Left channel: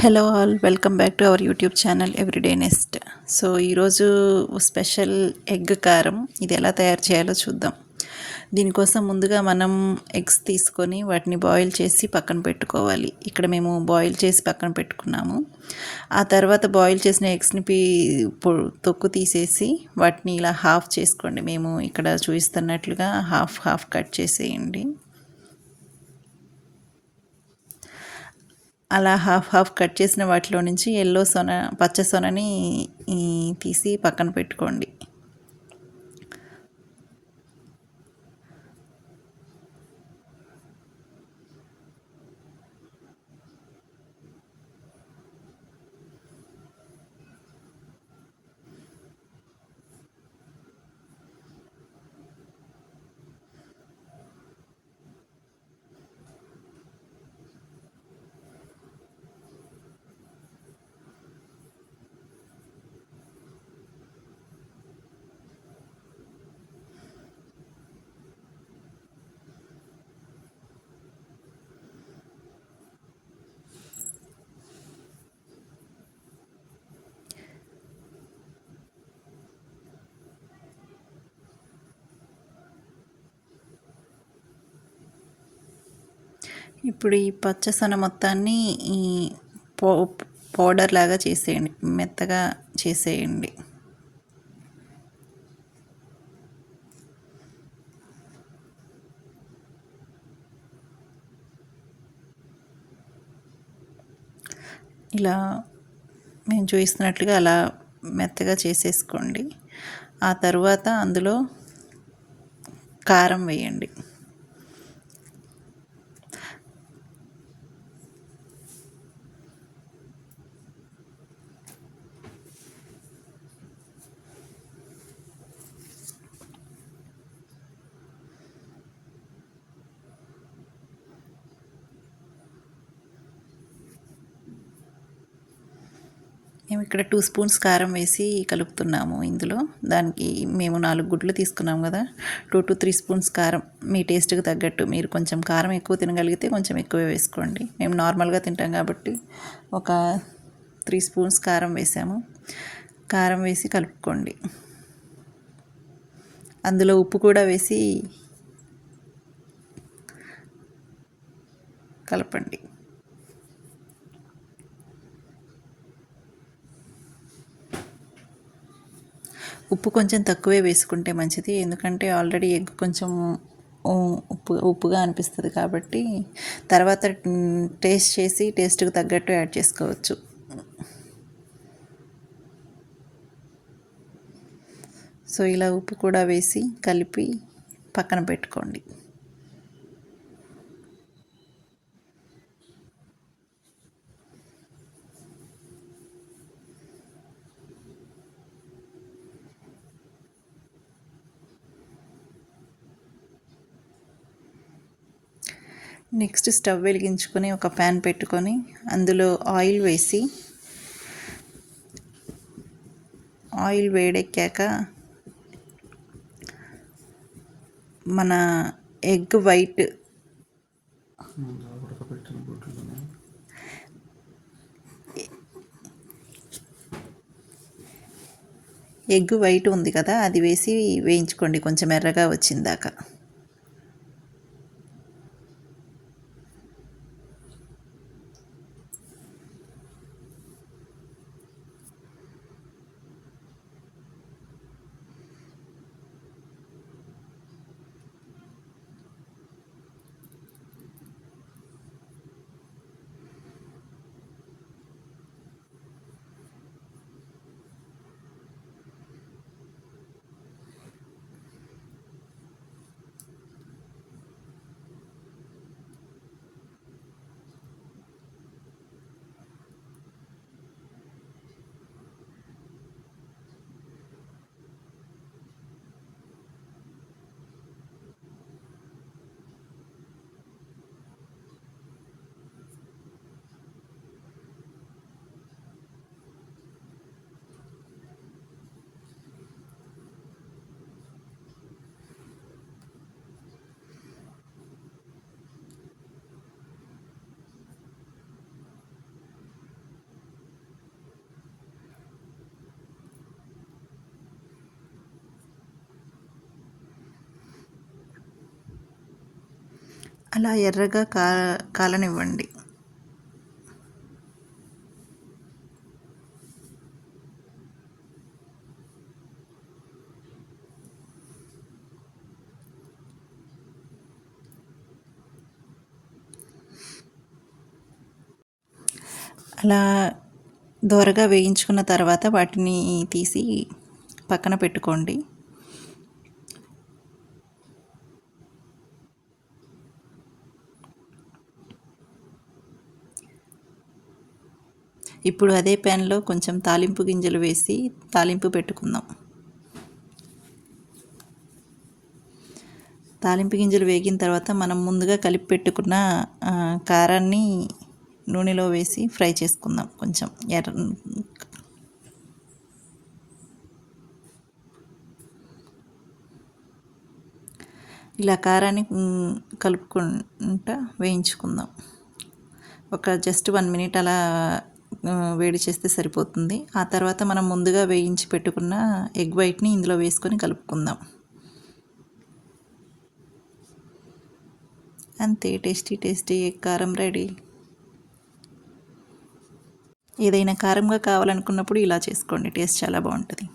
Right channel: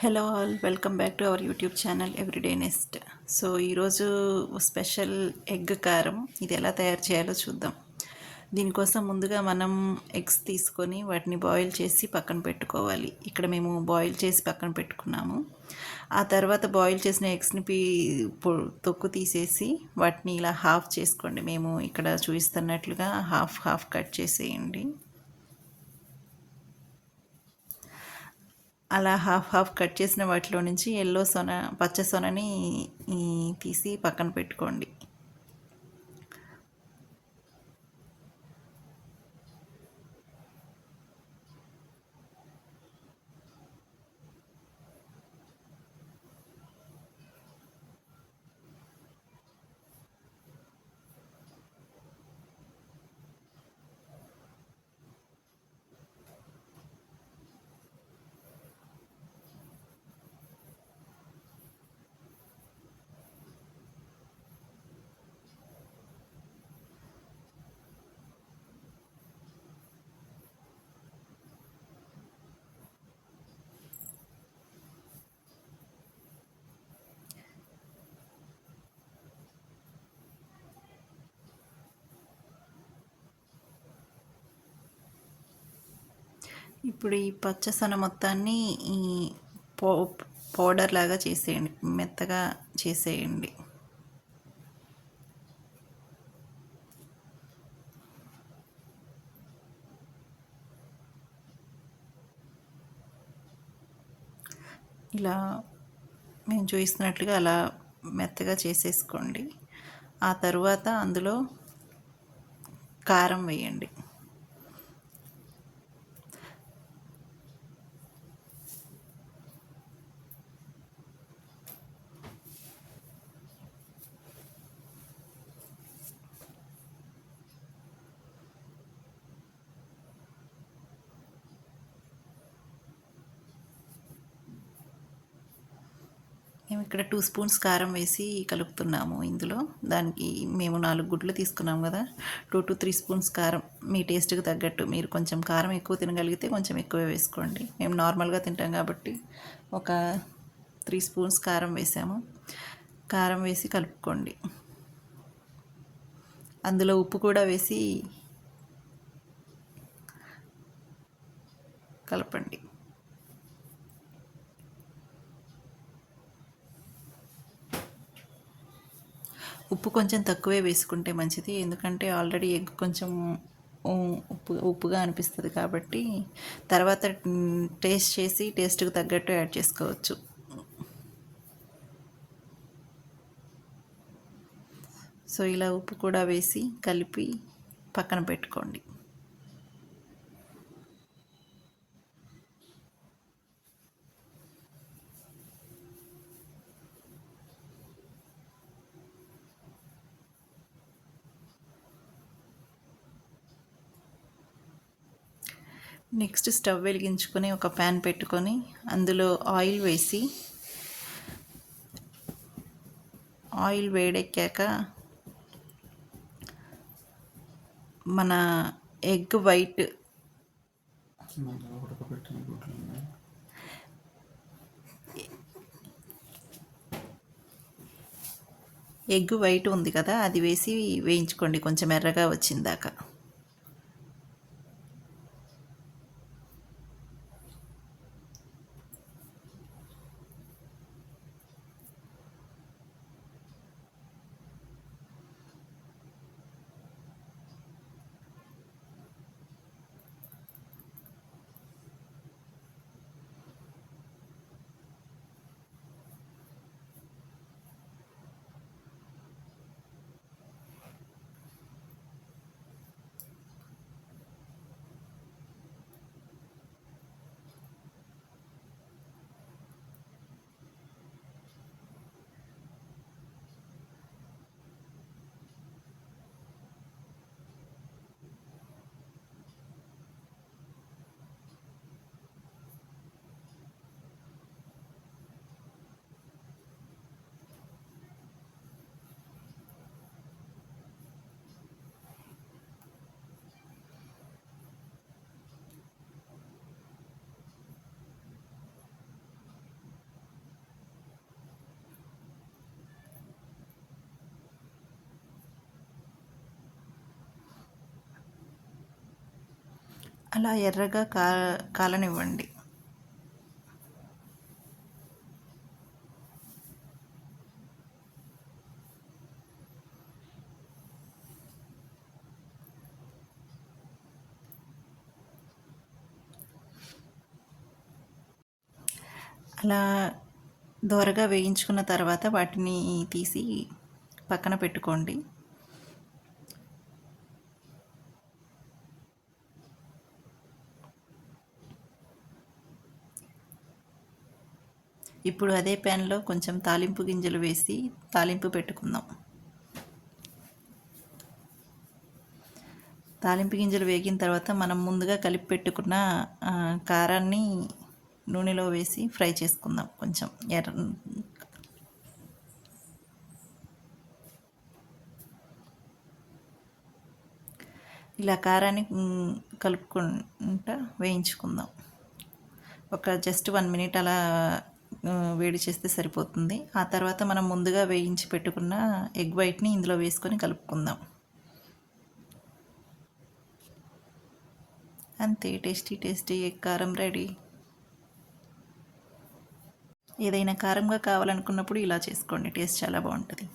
Hello all welcome back to our YouTube channel everyday nest. So ఈరోజు special egg కారం ఇది ఎలా తయారు చేయాలో చూద్దాం. దీనికోసం ముందుగా మనం ఎగ్స్ తీసుకొని వాటిని బాయిల్ చేసి పక్కన పెట్టుకోవాలి. ఇక్కడ మేము బాయిల్ చేసి పక్కన పెట్టుకున్నాము. ఆ తర్వాత బాయిల్ చేసిన ఎగ్స్ని తొక్కు తీసేసి వాటిని ఇలా హాఫ్ చేసుకోండి. మేము ఇక్కడ చూపిస్తున్నట్లుగా హాఫ్ హాఫ్ కట్ చేసేయండి. అలా హాఫ్ హాఫ్ కట్ చేసిన వాటిలో నుంచి పచ్చ సొనని తీసి పక్కన పెట్టుకోండి. ఇప్పుడు ఈ పచ్చ సొన మొత్తాన్ని ఈ పౌ పౌడర్ లాగా చేసేయండి, మెత్తగా చేసేయండి. ఇలా మేము చూపిస్తున్నట్లుగా అలా మెత్తగా చేసేసుకోండి. ఆ తర్వాత అందులో కారం వేయండి. మేము ఇక్కడ 2 స్పూన్స్ కారం వేసి కలుపుతున్నాము. ఇందులో దానికి మేము 4 గుడ్లు తీసుకున్నాం కదా, 2 to 3 స్పూన్స్ కారం మీ టేస్ట్కి తగ్గట్టు. మీరు కొంచెం కారం ఎక్కువ తినగలిగితే కొంచెం ఎక్కువే వేసుకోండి. మేము నార్మల్గా తింటాం కాబట్టి ఒక 3 స్పూన్స్ కారం వేసాము. కారం వేసి కలుపుకోండి. అందులో ఉప్పు కూడా వేసి కలపండి. ఉప్పు కొంచెం తక్కువే వేసుకుంటే మంచిది, ఎందుకంటే ఆల్రెడీ ఎగ్ కొంచెం ఉప్పుగా అనిపిస్తుంది కాబట్టి తర్వాత టేస్ట్ చేసి టేస్ట్కి తగ్గట్టు యాడ్ చేసుకోవచ్చు. సో ఇలా ఉప్పు కూడా వేసి కలిపి పక్కన పెట్టుకోండి. నెక్స్ట్ స్టవ్ వెలిగించుకొని ఒక ప్యాన్ పెట్టుకొని అందులో ఆయిల్ వేసి, ఆయిల్ వేడెక్కాక మన ఎగ్ వైట్ ఎగ్ వైట్ ఉంది కదా, అది వేసి వేయించుకోండి కొంచెం ఎర్రగా వచ్చిందాక. అలా ఎర్రగా కాలనివ్వండి. అలా దోరగా వేయించుకున్న తర్వాత వాటిని తీసి పక్కన పెట్టుకోండి. ఇప్పుడు అదే ప్యాన్లో కొంచెం తాలింపు గింజలు వేసి తాలింపు పెట్టుకుందాం. తాలింపు గింజలు వేగిన తర్వాత మనం ముందుగా కలిపి పెట్టుకున్న కారాన్ని నూనెలో వేసి ఫ్రై చేసుకుందాం. కొంచెం ఇలా కారాన్ని కలుపుకుంటా వేయించుకుందాం. ఒక జస్ట్ 1 మినిట్ అలా వేడి చేస్తే సరిపోతుంది. ఆ తర్వాత మనం ముందుగా వేయించి పెట్టుకున్న ఎగ్ వైట్ని ఇందులో వేసుకొని కలుపుకుందాం. అంతే, టేస్టీ ఎగ్ కారం రెడీ. ఏదైనా కారంగా కావాలనుకున్నప్పుడు ఇలా చేసుకోండి, టేస్ట్ చాలా బాగుంటుంది.